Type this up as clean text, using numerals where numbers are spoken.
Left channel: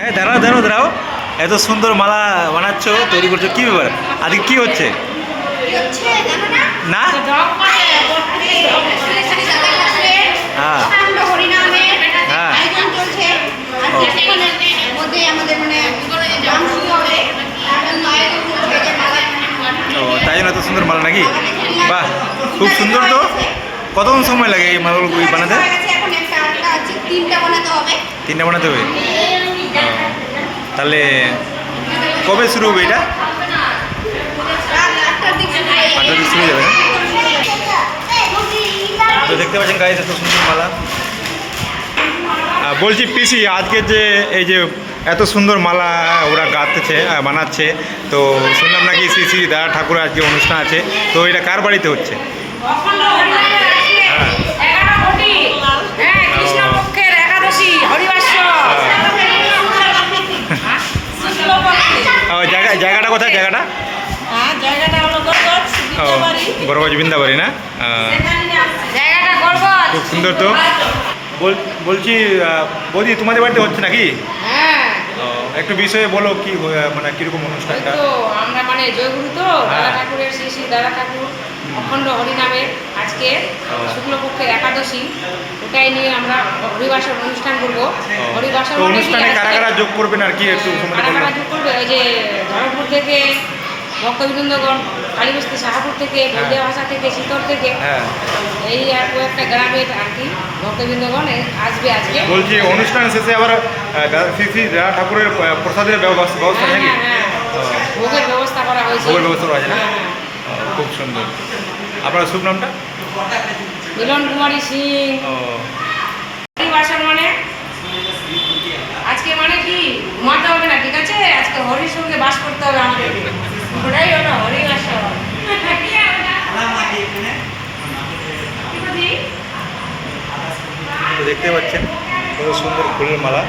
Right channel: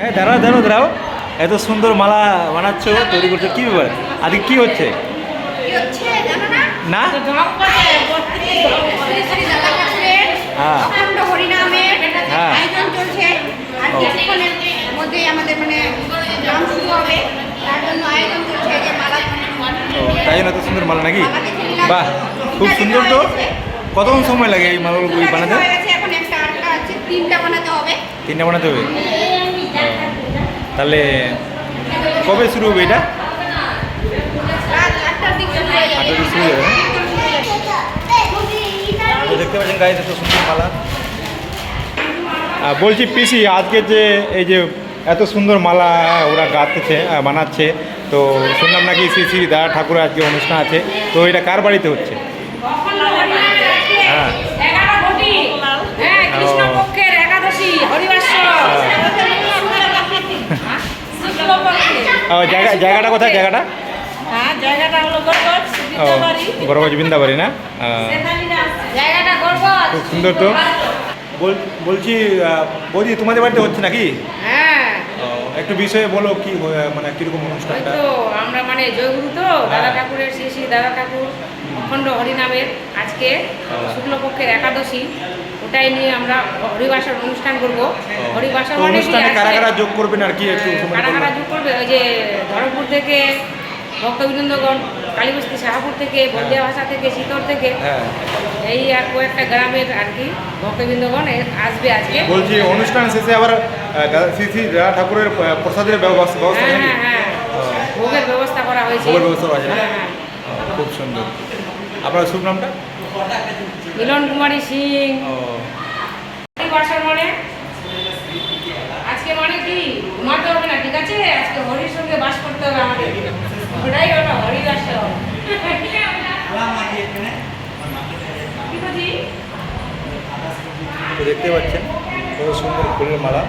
হ্যাঁ, দাঁড়াও দাঁড়াও দাঁড়াও। এত সুন্দর মালা বানাচ্ছ, তৈরি করছো, কি ব্যাপার? আজকে কি হচ্ছে? না, হ্যাঁ হ্যাঁ, ও তাই জন্য এত সুন্দর মালা নাকি? বাহ, খুব সুন্দর তো। কতক্ষণ সময় লাগে এই মালাগুলো বানাতে? তিনটা বানাতে হবে। ও, তাহলে কবে শুরু হবে এটা? 8টার দিকে শুরু হয়ে যাবে না? তো দেখতে পাচ্ছেন গাইস, এত সুন্দর মালা। বলছি পিসি, আজকে যে এই যে এত সুন্দর মালা ওরা গাঁথতেছে, বানাচ্ছে, তো শুনলাম নাকি শ্রী শ্রী দাদা ঠাকুরের আজকে অনুষ্ঠান আছে, তো এটা কার বাড়িতে হচ্ছে? জায়গাটা কোথায়? জায়গাটা গড়গজ বৃন্দাবাড়ি না? খুব সুন্দর তো। বলছি বৌদি, তোমাদের বাড়িতে হচ্ছে নাকি? হ্যাঁ, একটু বিষয়ে বলো, কি মানে কিরকম অনুষ্ঠানটা? তো আমরা মানে জয়গুরু তো দাদা ঠাকুরের, শ্রী শ্রী দাদা ঠাকুর অখণ্ড হরিনামের আজকে শুক্লপক্ষের একাদশী, ওটাই নিয়ে আমরা হরিবাসর অনুষ্ঠান করবো। হরিবাসর অনুষ্ঠানে কারা কারা যোগ করবেন আর কি একটু কারা কারা যোগ করবে? ওই যে ধরমপুর থেকে ভক্তবৃন্দগণ, কালীবস্তি শাহাপুর থেকে, বলদিয়া ভাষা থেকে, শীতল থেকে, এই আর কয়েকটা গ্রামের আর কি ভক্তবৃন্দগণ আসবে আজকে। বলছি অনুষ্ঠান শেষে আবার শ্রী শ্রী দাদা ঠাকুরের প্রসাদের ব্যবস্থা নাকি? হ্যাঁ, ভোগের ব্যবস্থা করা হয়েছে। ভোগের ব্যবস্থা করা হয়েছে না? খুব সুন্দর। আপনার শুভ নামটা? মিলন কুমারী সিং। হরিবাসর মানে আজকে মানে কি ঘুমাতে হবে না, ঠিক আছে? আজকে হরির সঙ্গে বাস করতে হবে আমাদের, ওটাই হলো হরিবাসর। তো দেখতে পাচ্ছেন কত সুন্দর ফুলের মালা।